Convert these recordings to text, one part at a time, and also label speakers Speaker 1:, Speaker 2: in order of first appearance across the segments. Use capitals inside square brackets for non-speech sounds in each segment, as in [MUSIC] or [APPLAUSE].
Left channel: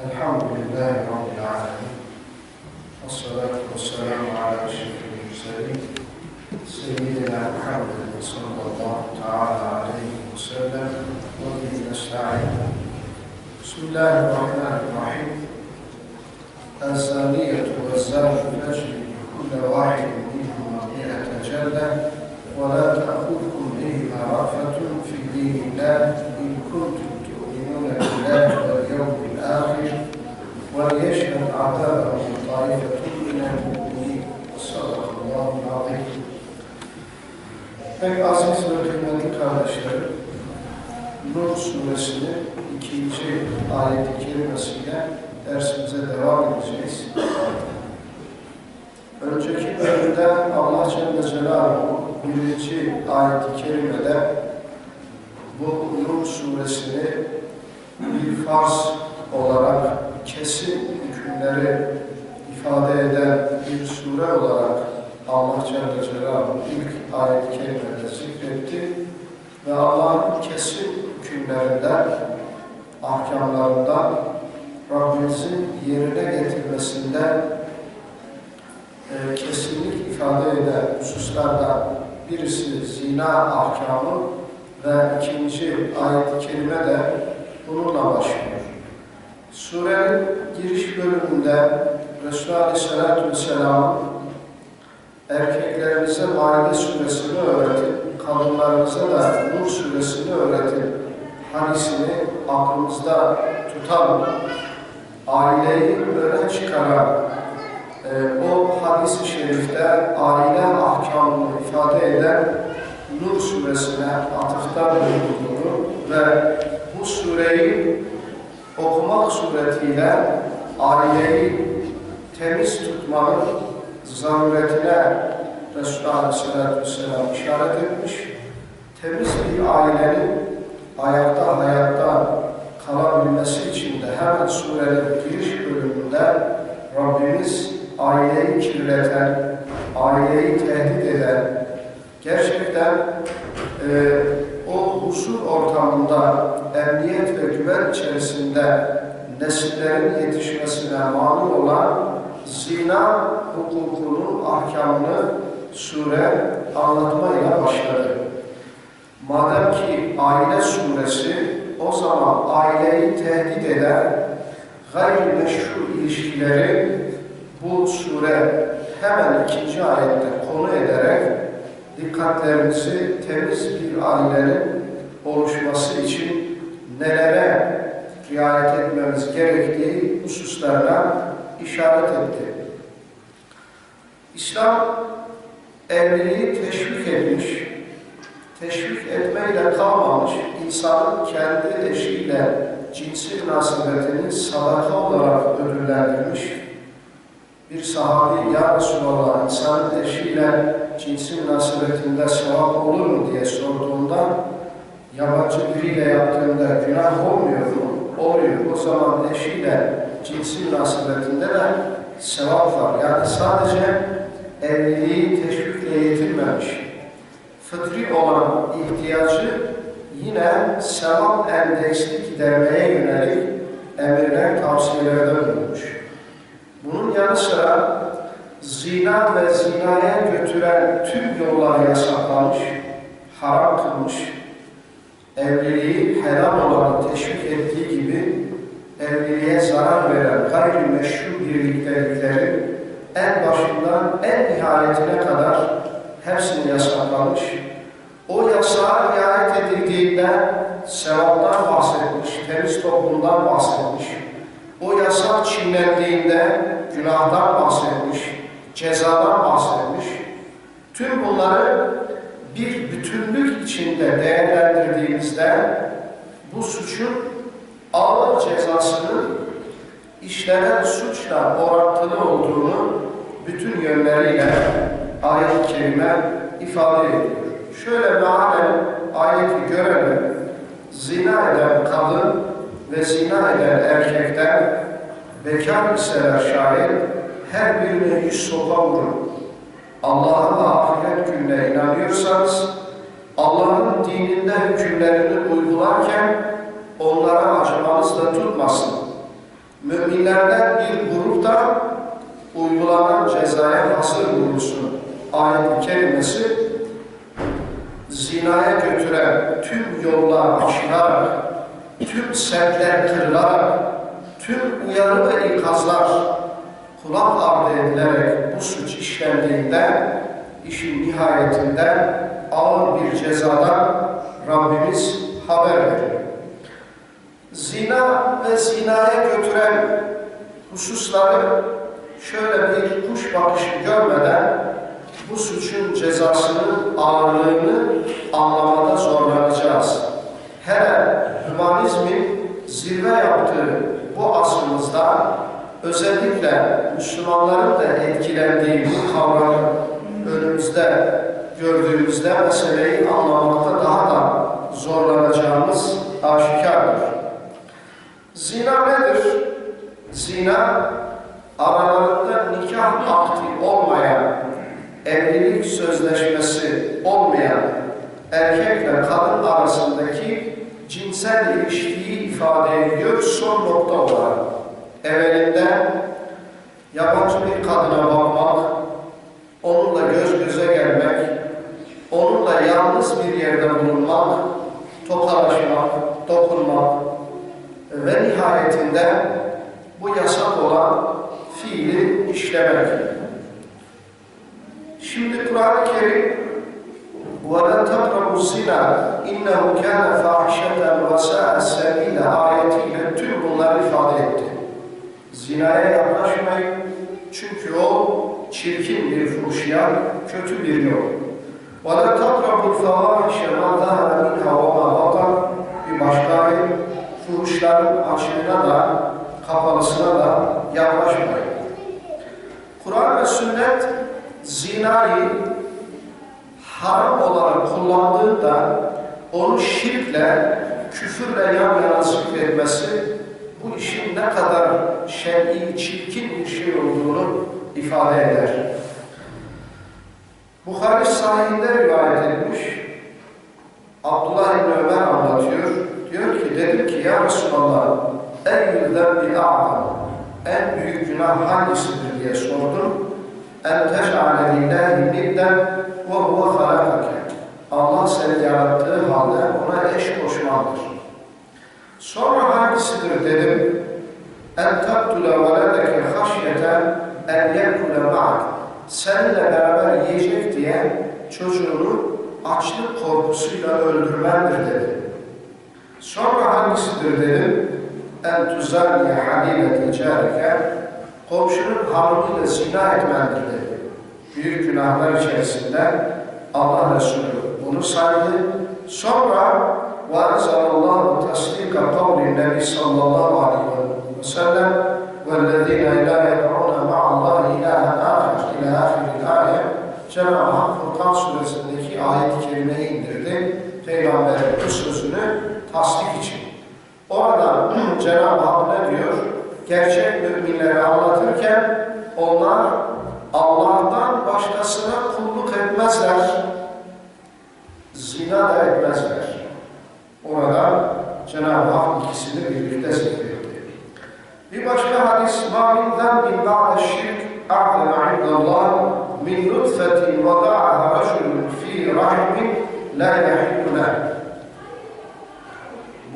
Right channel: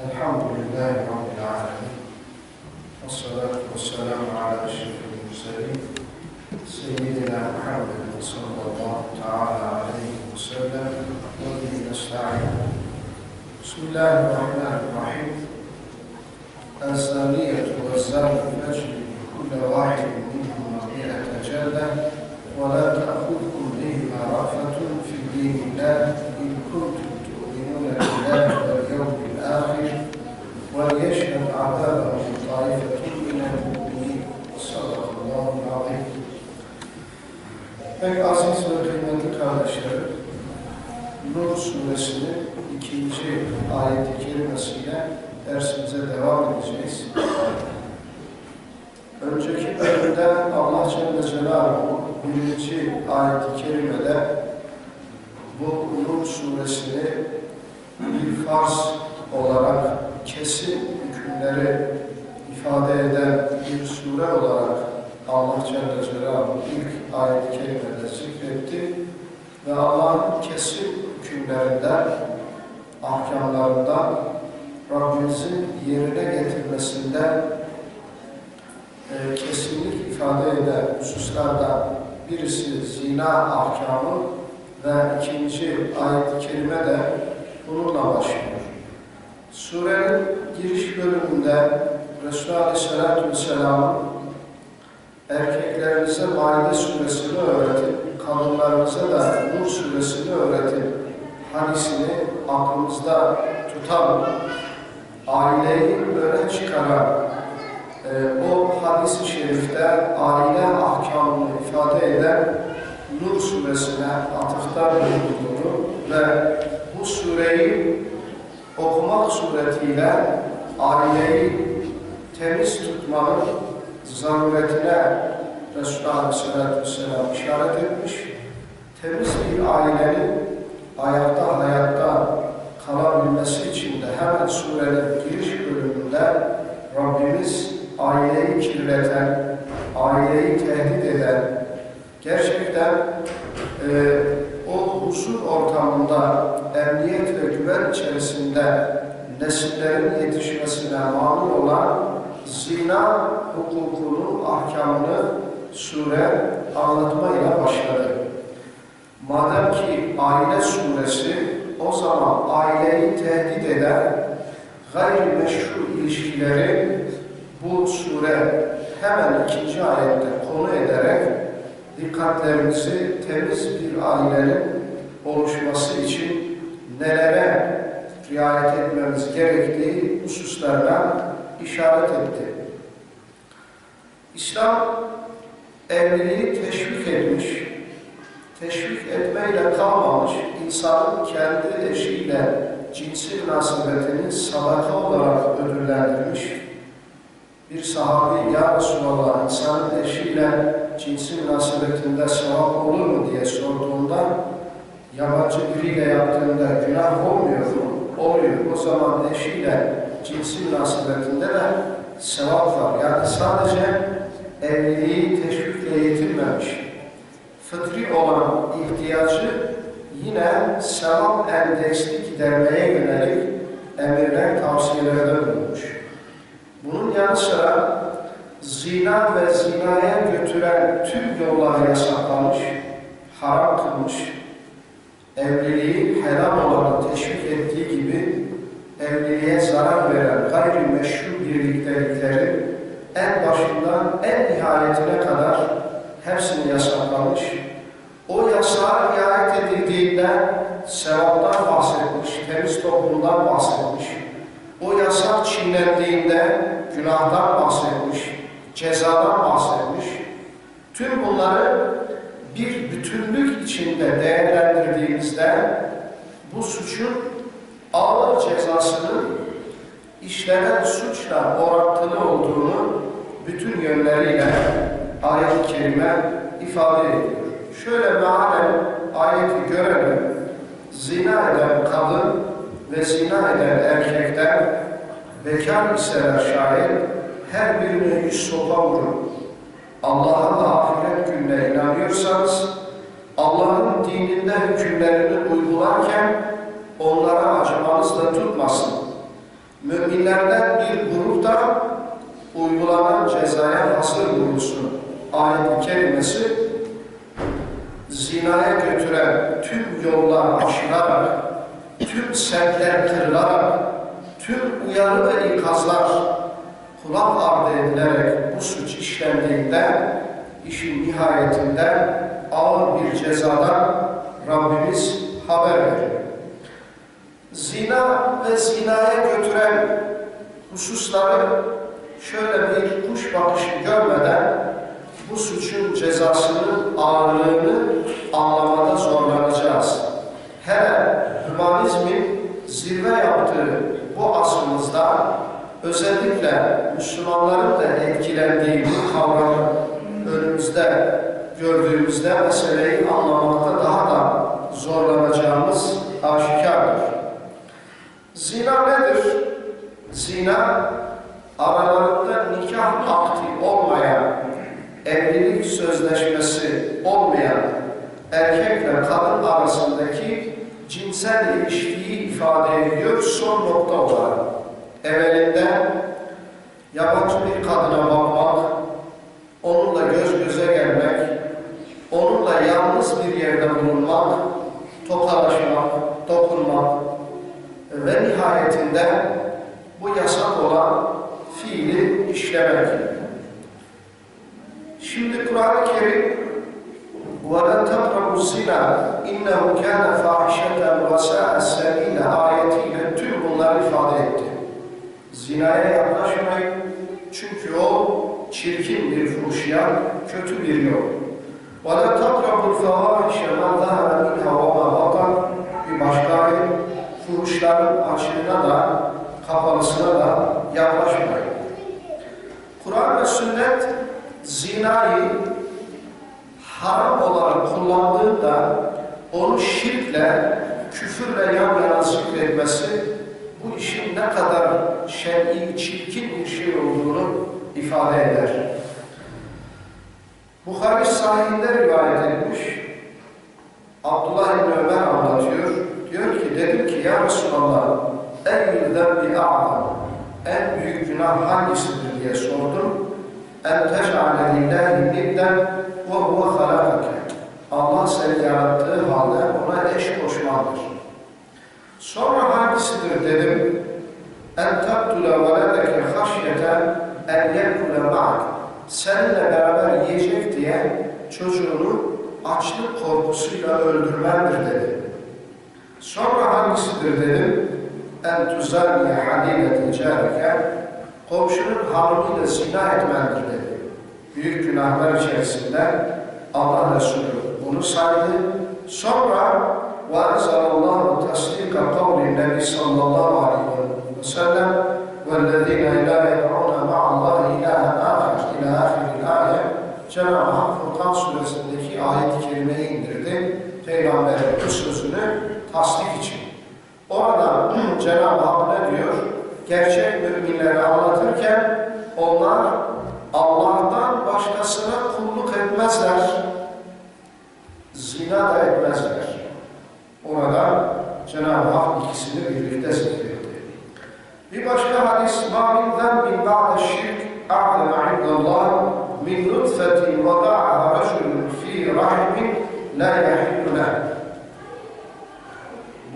Speaker 1: الحمد لله رب العالمين والصلاة والسلام على أشرف المرسلين سيدنا محمد صلى الله تعالى عليه وسلم. وبه نستعين. بسم الله الرحمن الرحيم. الزانية والزاني فاجلدوا كل واحد منهما مئة جلدة ولا تأخذكم بهما رأفة في دين الله إن كنتم وليشهد عذابهم طائفة من المؤمنين صدق الله العظيم Pek aziz ve kıymetli kardeşlerim, Nur suresinin ikinci ayet-i kerimesiyle dersimize devam edeceğiz. Önceki bölümde Allah Celle Celaluhu birinci ayet-i kerimede bu Nur suresini bir farz olarak kesin hükümleri ifade eden bir sure olarak Allah Celle Celaluhu ilk ayet-i kerimede zikretti ve Allah'ın kesin hükümlerinden, ahkamlarından Rabbimizin yerine getirmesinden e, kesinlik ifade eden hususlardan birisi zina ahkamı ve ikinci ayet-i kerime de bununla başlıyor. Surenin giriş bölümünde Resulü Aleyhisselatü Vesselam'ın erkeklerinize Maide suresini öğretip, kadınlarınıza da Nur suresini öğretip, hadisini aklımızda tutan, aileyi öne çıkaran e, o hadis-i şerifte aile ahkamını ifade eden Nur suresine atıfta bulunduğunu ve bu sureyi okumak suretiyle aileyi temiz tutmanın zaruretine Resulullah Aleyhisselatü Vesselam işaret etmiş. Temiz bir ailenin ayakta hayatta kalabilmesi için de hemen surenin giriş bölümünde Rabbimiz aileyi kirleten, aileyi tehdit eden, gerçekten e, huzur ortamında emniyet ve güven içerisinde nesillerin yetişmesine mani olan zina hukukunun ahkamını sure anlatmayla başladı. Madem ki aile suresi o zaman aileyi tehdit eden gayrimeşru ilişkileri bu sure hemen ikinci ayette konu ederek dikkatlerimizi temiz bir ailenin oluşması için nelere riayet etmemiz gerektiği hususlarına işaret etti. İslam evliliği teşvik etmiş, teşvik etmeyle kalmamış, insanın kendi eşiyle cinsi münasebetini sadaka olarak ödüllendirmiş. Bir sahabi, Ya Resulallah, insanın eşiyle cinsi münasebetinde sevap olur mu diye sorduğunda, yabancı biriyle yaptığında günah olmuyor mu? Oluyor. O zaman eşiyle cinsi münasebetinde de sevap var. Yani sadece evliliği teşvikle yetinmemiş. Fıtri olan ihtiyacı yine sevap endeksli gidermeye yönelik emirler, tavsiyelerde bulunmuş. Bunun yanı sıra zina ve zinaya götüren tüm yollar yasaklamış, haram kılmış, evliliği helal olanı teşvik ettiği gibi evliliğe zarar veren gayrimeşru birlikteliklerin en başından en nihayetine kadar hepsini yasaklamış. O yasağa riayet edildiğinde sevaptan bahsetmiş, temiz toplumdan bahsetmiş. O yasak çiğnendiğinde günahdan bahsetmiş, cezadan bahsetmiş. Tüm bunları bir bütünlük içinde değerlendirdiğimizde bu suçun ağır cezasının işlenen suçla orantılı olduğunu bütün yönleriyle ayet-i kerime ifade ediyor. Şöyle mealen ayeti görelim. Zina eden kadın ve zina eden erkekten bekar iseler şayet her birine yüz sopa vurun. Allah'a ve ahiret gününe inanıyorsanız Allah'ın dininde hükümlerini uygularken onlara acımanız da tutmasın. Müminlerden bir grup da uygulanan cezaya hazır bulunsun. Ayet-i kerimesi zinaya götüren tüm yollar aşılarak, tüm sevkler kırılarak, tüm uyarı ve ikazlar kulak ardı edilerek bu suç işlendiğinde işin nihayetinde ağır bir cezadan Rabbimiz haber veriyor. Zina ve zinaya götüren hususları şöyle bir kuş bakışı görmeden bu suçun cezasının ağırlığını anlamada zorlanacağız. Hele hümanizmin zirve yaptığı bu asrımızda özellikle Müslümanların da etkilendiği bu kavramı önümüzde gördüğümüzde meseleyi anlamakta daha da zorlanacağımız aşikardır. Zina nedir? Zina aralarında nikah akti olmayan, evlilik sözleşmesi olmayan erkekle kadın arasındaki cinsel ilişkiyi ifade ediyor son nokta olarak. Evvelinde yabancı bir kadına bakmak, onunla göz göze gelmek, onunla yalnız bir yerde bulunmak, tokalaşmak, dokunmak ve nihayetinde bu yasak olan fiili işlemek. Şimdi Kur'an-ı Kerim وَلَا تَقْرَبُوا الزِّنَا اِنَّهُ كَانَ فَاحِشَةً وَسَاءَ السَّب۪يلَ ayetiyle tüm bunları ifade etti. Zinaya yaklaşmayın çünkü o çirkin bir fuhşiyat, kötü bir yol. وَلَا تَقْرَبُوا الْفَوَاحِشَ مَا ظَهَرَ مِنْهَا وَمَا بَطَنْ Bir başka ayet, fuhuşların açığına da, kapalısına da yaklaşmayın. Kur'an ve sünnet zinayı haram olarak kullandığında onu şirkle, küfürle yan yana zikretmesi bu işin ne kadar şer'i, çirkin bir şey olduğunu ifade eder. Bukhari sahihinde rivayet edilmiş. Abdullah İbni Ömer anlatıyor. Diyor ki, dedim ki ya Resulallah eyyül zembi a'lam en büyük günah hangisidir diye sordum. En teş'ale lillahi nidden ve huve halakake. Allah seni yarattığı halde ona eş koşmalıdır. Sonra hangisidir dedim. En taktule veledeke haşyeten en yekule ma'ak. Seninle beraber yiyecek diye çocuğunu açlık korkusuyla öldürmendir dedi. Sonra hangisidir dedim. En tuzaniye halile ticareke. Komşunun hanımıyla zina etmendir dedi. Büyük günahlar içerisinde Allah Resulü bunu saydı. Sonra وَاَنْزَلَ اللّٰهُ تَسْلِيكَ قَوْلِ النَّبِي sallallahu aleyhi ve وسلم وَالَّذ۪ينَ اِلَٰ يَدْعُونَ مَعَ اللّٰهِ اِلَٰهًا آخر اِلَى آخِرِ الْآيَةِ Cenab-ı Hak Furkan suresindeki ayet-i kerimeyi indirdi. Peygamberin bu sözünü tasdik için. Orada [CLEARS THROAT] Cenab-ı Hak ne diyor? Gerçek müminleri anlatırken onlar Allah'tan başkasına kulluk etmezler. Zina da etmezler. Orada Cenab-ı Hak hadis ma min zembin ba'de şirk a'leme indallah min nutfetin vada'aha racülün fi rahimin la yahillüle.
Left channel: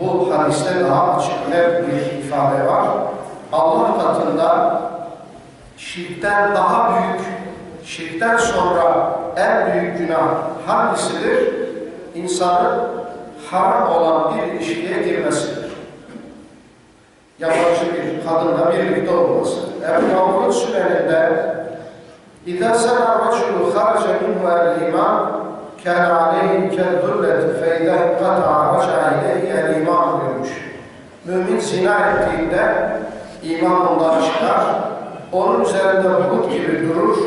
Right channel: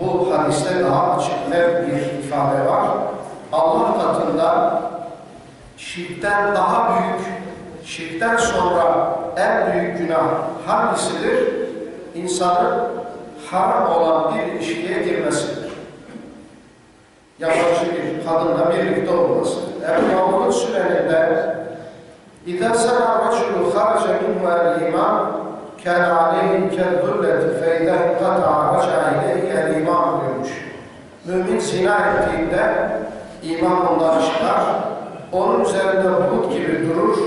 Speaker 1: Bu hadiste daha açık net bir ifade var. Allah katında şirkten daha büyük, şirkten sonra en büyük günah hangisidir? İnsanın haram olan bir ilişkiye girmesidir Yabancı bir kadınla birlikte olması. Ebu Davud'un süneninde اِذَا سَنَا رَجُلُ خَرَجَ مِنْهُ الْاِمَامِ كَانَ عَلَيْهِ كَالْذُلَّةِ فَاِذَا قَطَعَ رَجَعَ اِلَيْهِ الْاِمَامِ diyormuş. Mümin zina ettiğinde iman ondan çıkar, onun üzerinde bulut gibi durur,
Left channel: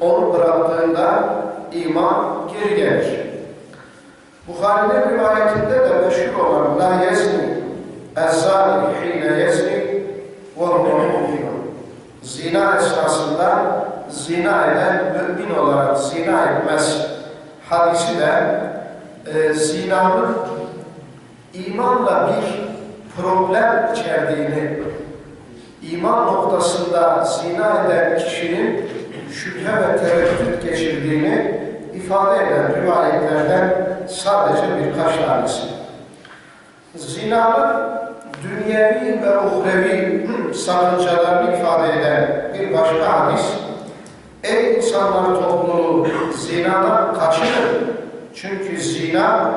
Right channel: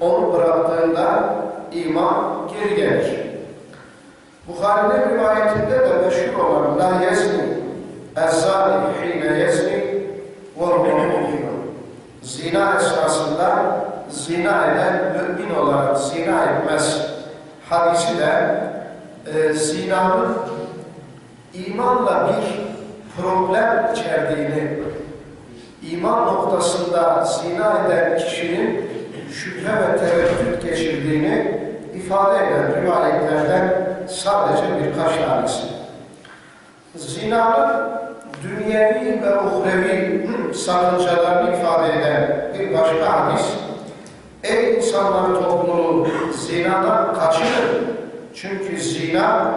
Speaker 1: onu bıraktığında iman geri gelir. Bukhari'nin rivayetinde de meşhur olan La yezni ezzani hine yezni ve huve Zina esasında zina eden mümin olarak zina etmez. Hadisi de e, zinanın imanla bir problem içerdiğini iman noktasında zina eden kişinin şüphe ve tereddüt geçirdiğini ifade eden rivayetlerden sadece birkaç tanesi. Zinanın dünyevi ve uhrevi sakıncalarını ifade eden bir başka hadis, Ey insanlar topluluğu zinadan kaçının. Çünkü zina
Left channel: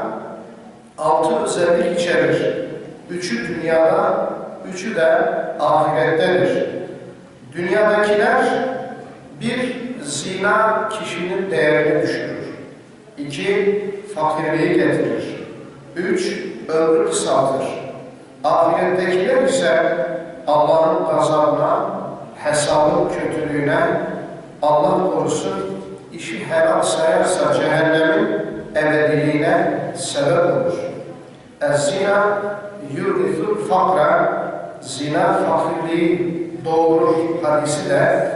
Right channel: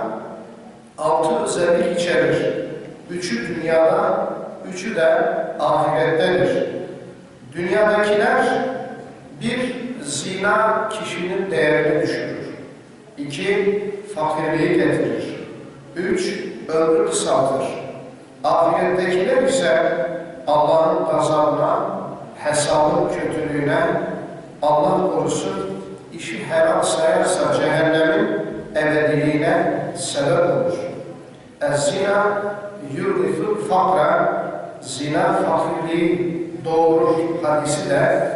Speaker 1: altı özellik içerir. Üçü dünyada, üçü de ahirettedir. Dünyadakiler bir, zina kişinin değerini düşürür. İki, fakirliği getirir. Üç, ömrü kısaltır. Ahirettekiler ise Allah'ın gazabına, hesabın kötülüğüne, Allah korusun işi helal sayarsa cehennemin ebediliğine sebep olur. Ez-zina yurithul fakra zina fakirliği doğurur hadisi de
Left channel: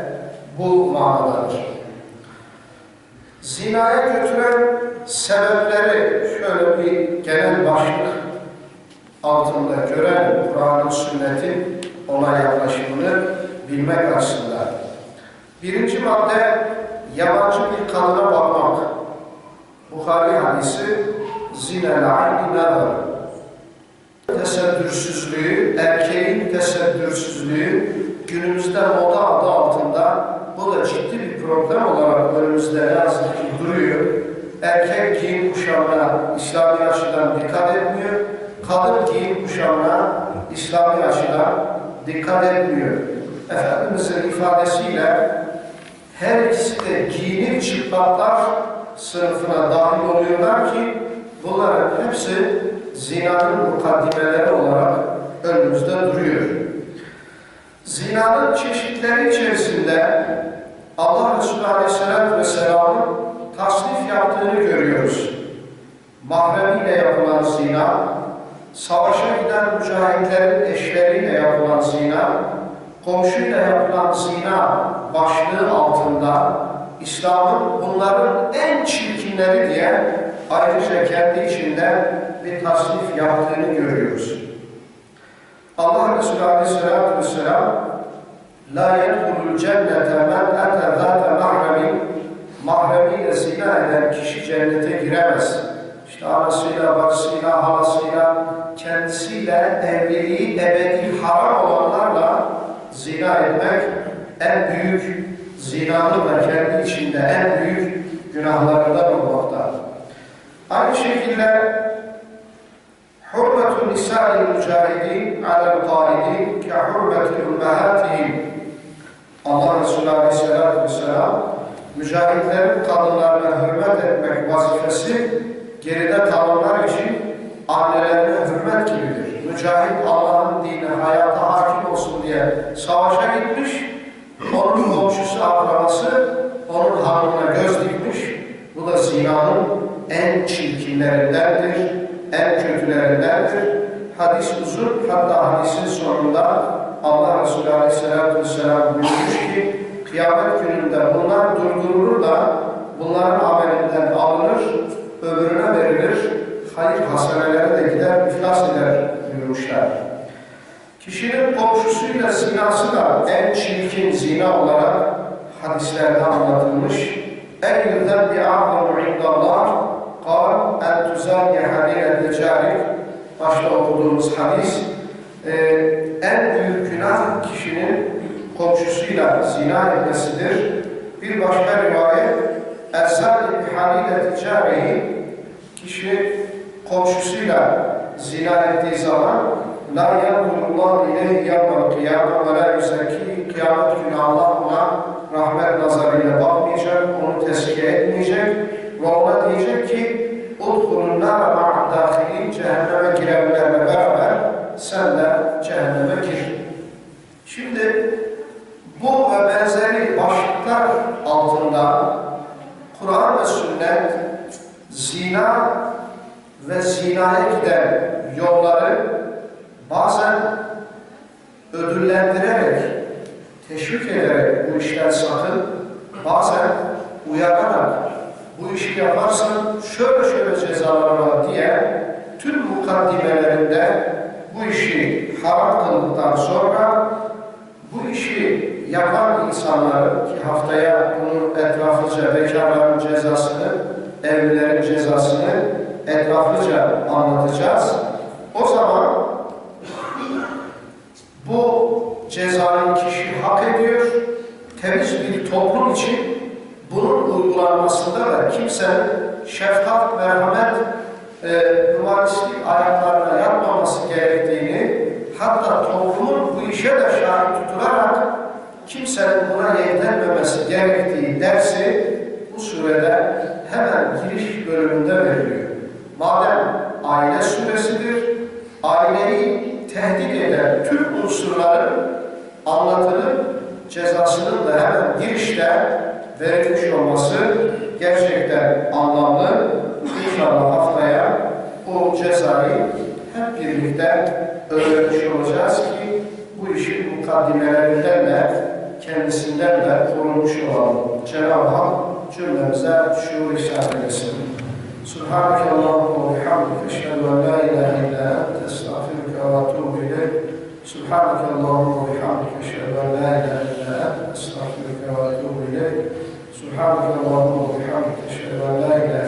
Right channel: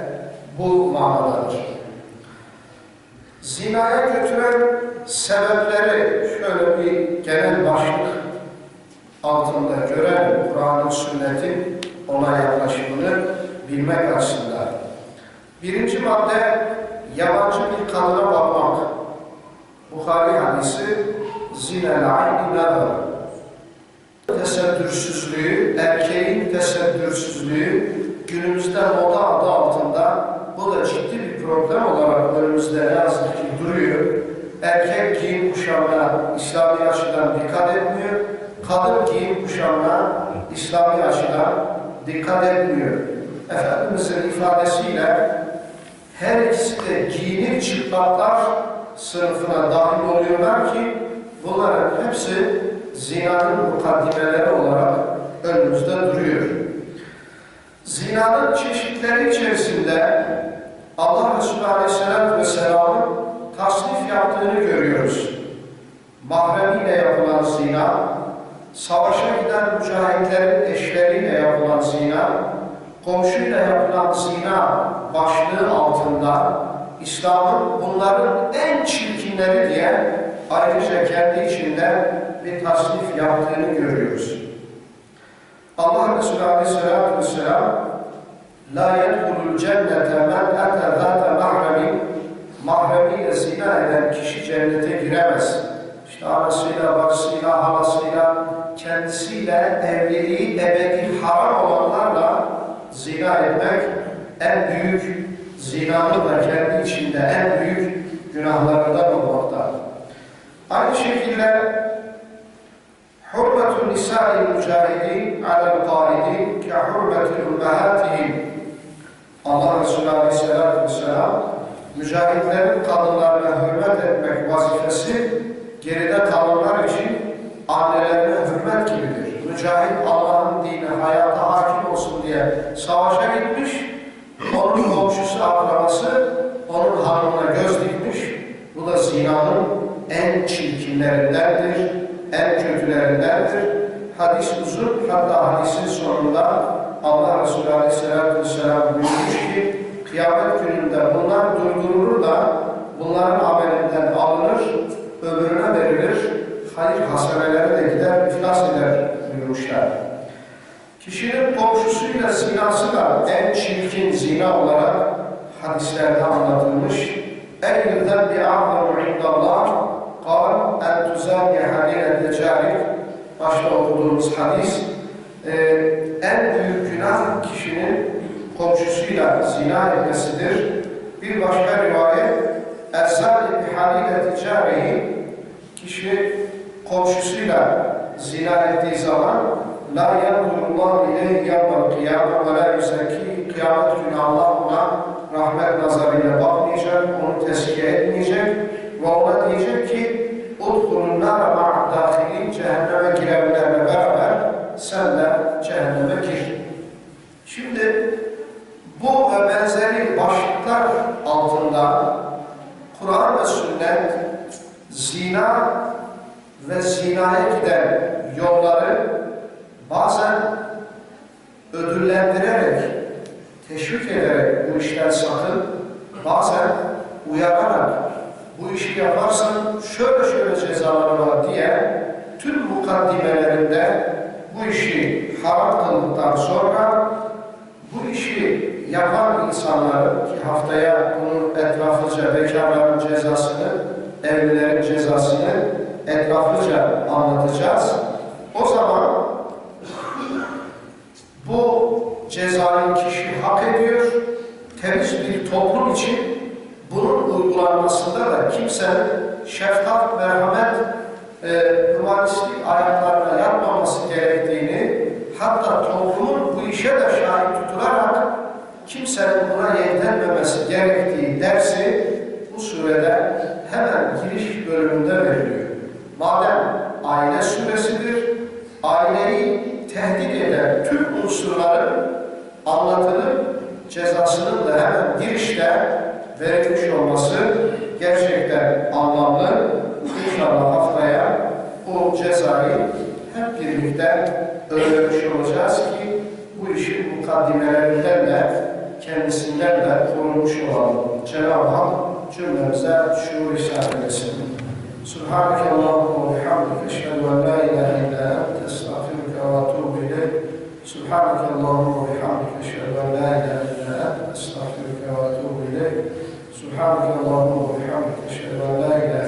Speaker 1: bu manadadır. Zinaya götüren sebepleri şöyle bir genel başlık altında gören Kur'an'ın sünnetin ona yaklaşımını bilmek açısından. Birinci madde yabancı bir kadına bakmak. Bukhari hadisi zinel ayni nazar. Tesettürsüzlüğü, erkeğin tesettürsüzlüğü günümüzde moda adı altında bu da ciddi bir problem olarak önümüzde ne yazık ki duruyor. Erkek giyim kuşamına İslami açıdan dikkat etmiyor. Kadın giyim kuşamına İslami açıdan dikkat etmiyor. Efendimizin ifadesiyle her ikisi de giyinip çıplaklar sınıfına dahil oluyorlar ki bunların hepsi zinanın mukaddimeleri olarak önümüzde duruyor. Zinanın çeşitleri içerisinde Allah Resulü Aleyhisselatü Vesselam'ın tasnif yaptığını görüyoruz. Mahremiyle yapılan zina, savaşa giden mücahitlerin eşleriyle yapılan zina, komşuyla yapılan zina başlığı altında İslam'ın bunların en çirkinleri diye ayrıca kendi içinde bir tasnif yaptığını görüyoruz. Allah Resulü Aleyhisselatü Vesselam La yedhulul cennete men ete zâte mahremin mahremiyle zina eden kişi cennete giremez. İşte anasıyla, bacısıyla, halasıyla, kendisiyle evliliği ebedi haram olanlarla zina etmek en büyük zinanın da kendi içinde en büyük günahlarından olmakta. Aynı şekilde hurmetun nisa'il mücahidin alel qaidin ke hurmetil ummahatihim Allah Resulü Aleyhisselatü Vesselam mücahitlerin kadınlarına hürmet etmek vazifesi geride kalanlar için annelerine hürmet gibidir. Mücahit Allah'ın dini hayata hakim olsun diye savaşa gitmiş, onun komşusu, akrabası onun hanımına göz dikmiş. Bu da zinanın en çirkinlerindendir, en kötülerindendir. Hadis uzun, hatta hadisin sonunda Allah Resulü Aleyhisselatü Vesselam buyurmuş ki, kıyamet gününde bunlar durdurulur da bunların amelinden alınır, öbürüne verilir, hayır hasenelere de gider, iflas eder buyurmuşlar. Kişinin komşusuyla zinası da en çirkin zina olarak hadislerde anlatılmış. En yıldan bir a'zamu indallah kal en tuzaniye hadine decarik başta okuduğumuz hadis e, en büyük günah kişinin komşusuyla zina etmesidir. Bir başka rivayet erzali bihalile ticareyi kişi komşusuyla zina ettiği zaman la yanzurullah ileyhi yevmel kıyame ve la yuzeki kıyamet günü Allah ona rahmet nazarıyla bakmayacak, onu tezkiye etmeyecek ve ona diyecek ki udhulun nâre ma'ad dâhilin cehenneme girenlerle beraber sen de cehenneme gir. Şimdi bu ve benzeri başlıklar altında Kur'an ve sünnet zina ve zinaya giden yolları bazen ödüllendirerek, teşvik ederek bu işten sakın, bazen uyararak bu işi yaparsan şöyle şöyle cezaları var diye tüm kıldıktan sonra bu işi yapan insanların ki haftaya bunun etraflıca bekarların cezasını, evlilerin cezasını etraflıca anlatacağız. O zaman bu cezayı kişi hak ediyor. Temiz bir toplum için bunun uygulanmasında da kimsenin şefkat, merhamet, e, humanistlik ayaklarına yatmaması gerektiğini hatta toplumun bu işe de şahit tutularak kimsenin buna yeğlenmemesi gerektiği dersi bu surede hemen giriş bölümünde veriliyor. Madem aile suresidir, aileyi tehdit eden tüm unsurların anlatılıp cezasının da hemen girişte verilmiş olması gerçekten anlamlı. İnşallah haftaya bu cezayı hep birlikte öğrenmiş olacağız ki bu işin mukaddimelerinden de kendisinden de korunmuş olalım. Cenab-ı Hak cümlemize şuur ihsan eylesin. Subhaneke Allahümme ve bihamdike eşhedü en la ilahe illa ente estağfiruke ve etûbü ileyk. Subhaneke Allahümme ve bihamdike eşhedü en la ilahe illa ente estağfiruke ve etûbü ileyk. Subhaneke Allahümme ve bihamdike eşhedü en la ilahe